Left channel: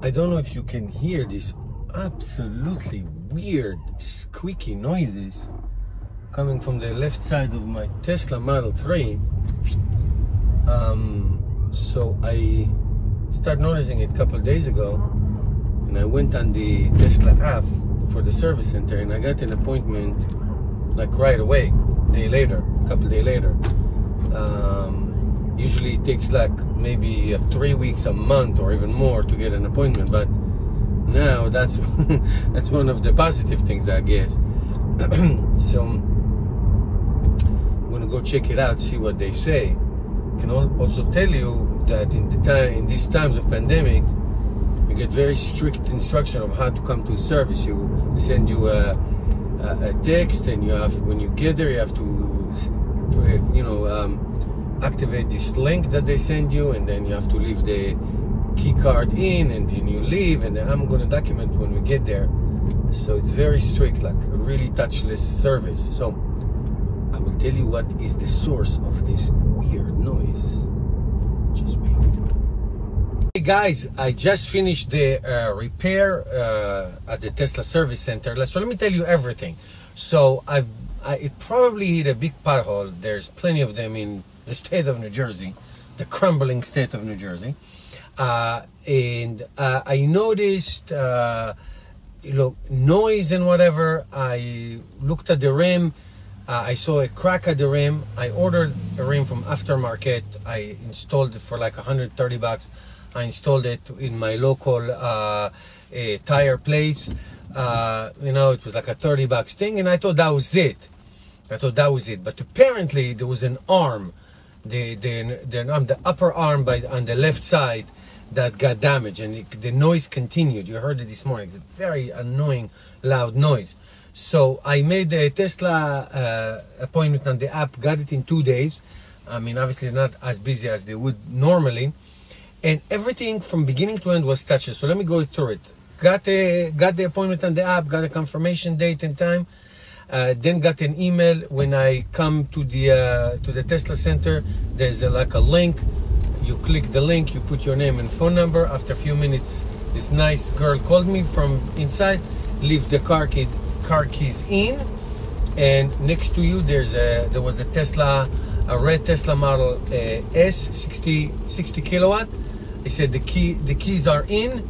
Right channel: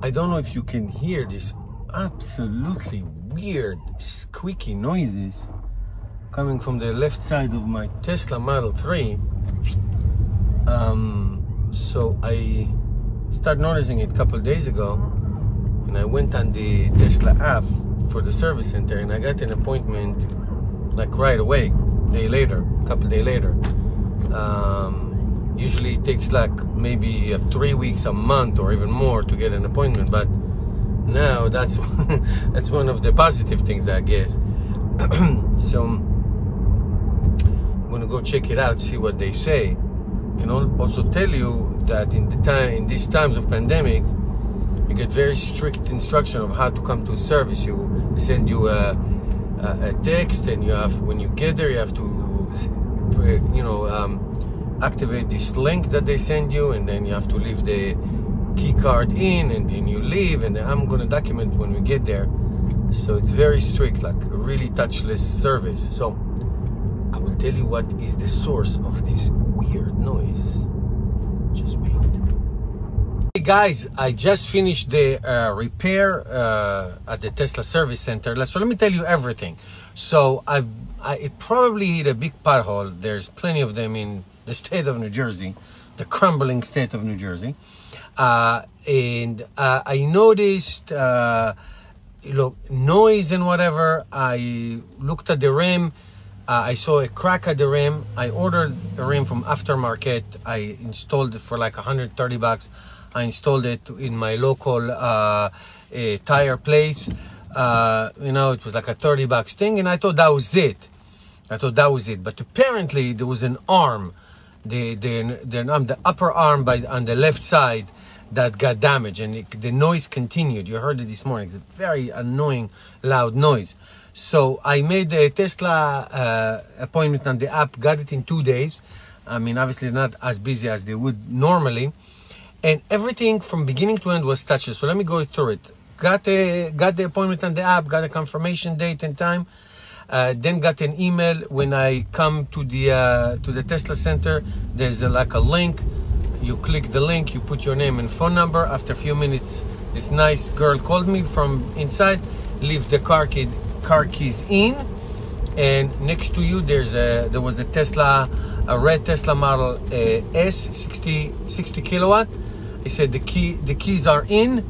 I don't know if you can hear this absolutely weird squeaky noises coming from the left side of my Tesla Model 3. So I started noticing it a couple of days ago, and I went on the Tesla app for the service center, and I got an appointment like right away, a couple of days later. Usually it takes like maybe 3 weeks, a month, or even more to get an appointment, but now that's that's one of the positive things, I guess. So I'm gonna go check it out, see what they say. I can also tell you that in these times of pandemic, you get very strict instruction of how to come to service. They send you a text, and you have, when you get there, you have to activate this link that they send you, and then you have to leave the key card in, and then you leave, and then I'm going to document when we get there. So it's very strict, like a really touchless service. So I will tell you what is the source of this weird noise. Just wait. Hey guys, I just finished the repair at the Tesla service center. So let me tell you everything. So it probably hit a big pothole. There's plenty of them in the state of New Jersey, the crumbling state of New Jersey. And I noticed, noise and whatever. I looked at the rim. I saw a crack at the rim. I ordered a rim from aftermarket. I installed it for like 130 bucks. I installed it in my local tire place. It was like a 30 bucks thing, and I thought that was it. But apparently there was an arm, the upper arm on the left side, that got damaged, and the noise continued. You heard it this morning. It's a very annoying, loud noise. So I made the Tesla appointment on the app, got it in 2 days. I mean, obviously not as busy as they would normally. And everything from beginning to end was touchless. So let me go through it. Got the appointment on the app, got a confirmation date and time. Then got an email when I come to the Tesla center. There's like a link. You click the link, you put your name and phone number. After a few minutes, this nice girl called me from inside. Leave the car keys in, and next to you there was a Tesla, a red Tesla Model S, 60 kilowatt. I said the keys are in,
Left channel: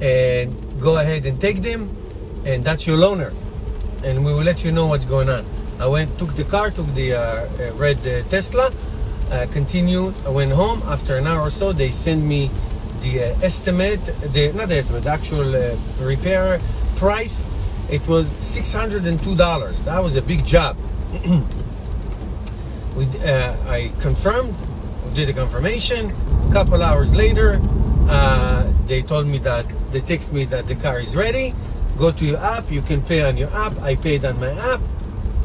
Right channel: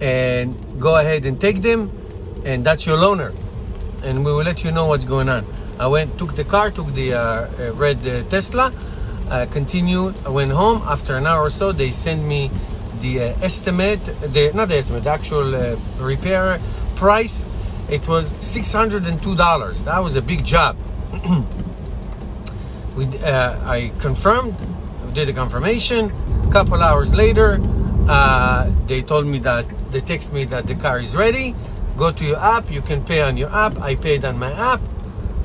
and go ahead and take them, and that's your loaner, and we will let you know what's going on. I took the red Tesla, continued. I went home. After an hour or so, they sent me the the actual repair price. It was $602. That was a big job. I confirmed, did the confirmation. A couple hours later, they told me that, they text me that the car is ready. Go to your app, you can pay on your app. I paid on my app.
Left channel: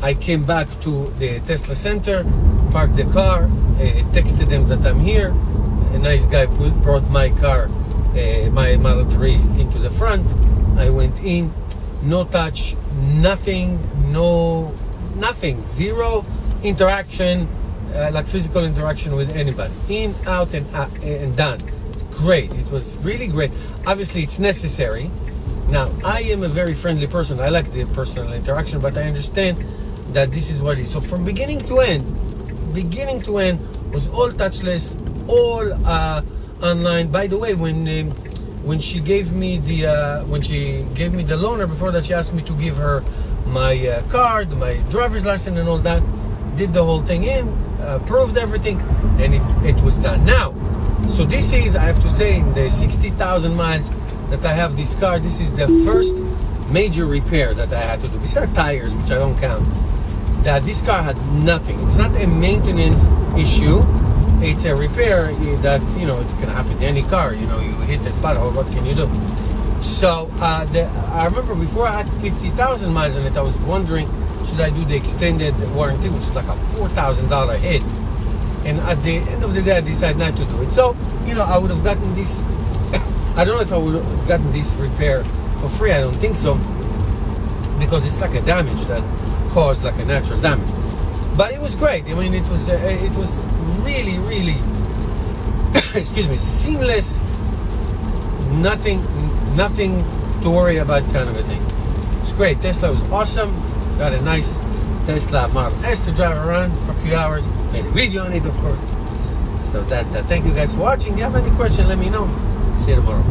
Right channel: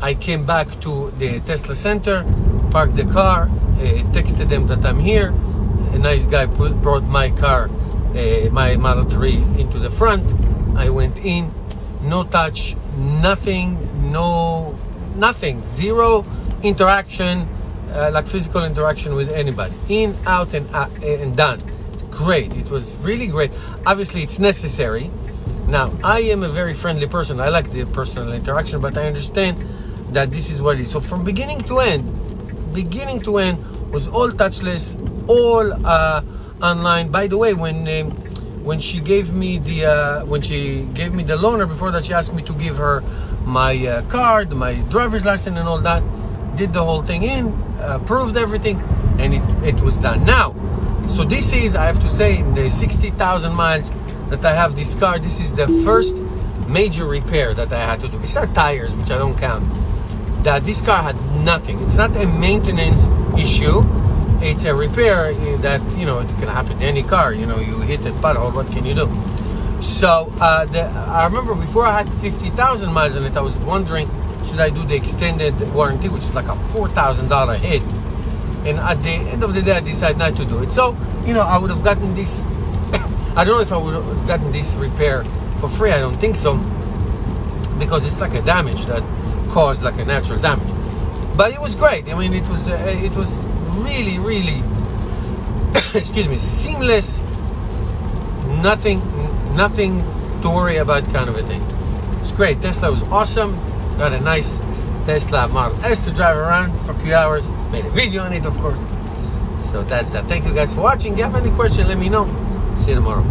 I came back to the Tesla center, parked the car, texted them that I'm here. A nice guy brought my car, my Model 3 into the front. I went in, no touch, nothing, zero interaction, like physical interaction with anybody. In, out, and done. It's great. It was really great. Obviously, it's necessary. Now, I am a very friendly person. I like the personal interaction, but I understand that this is what it is. So from beginning to end was all touchless, all online. By the way, when she gave me the loaner, before that she asked me to give her my card, my driver's license, and all that. Did the whole thing proved everything, and it was done. Now, so this is, I have to say, the 60,000 miles that I have this car, this is the first major repair that I had to do. Besides tires, which I don't count, that this car had nothing. It's not a maintenance issue. It's a repair that, it can happen to any car. You hit that pothole, what can you do? So I remember before I had 50,000 miles on it, I was wondering, should I do the extended warranty, which is like a $4,000 hit? And at the end of the day, I decided not to do it. So, I would have gotten this, I don't know if I would have gotten this repair for free. I don't think so, because it's like a damage that caused like a natural damage. But it was great. I mean, it was really, really, excuse me, seamless. Nothing, nothing to worry about kind of a thing. It's great. Tesla was awesome. Got a nice Tesla Model S to drive around for a few hours. Made a video on it, of course. So that's that. Thank you guys for watching. If you have any question, let me know. See you tomorrow.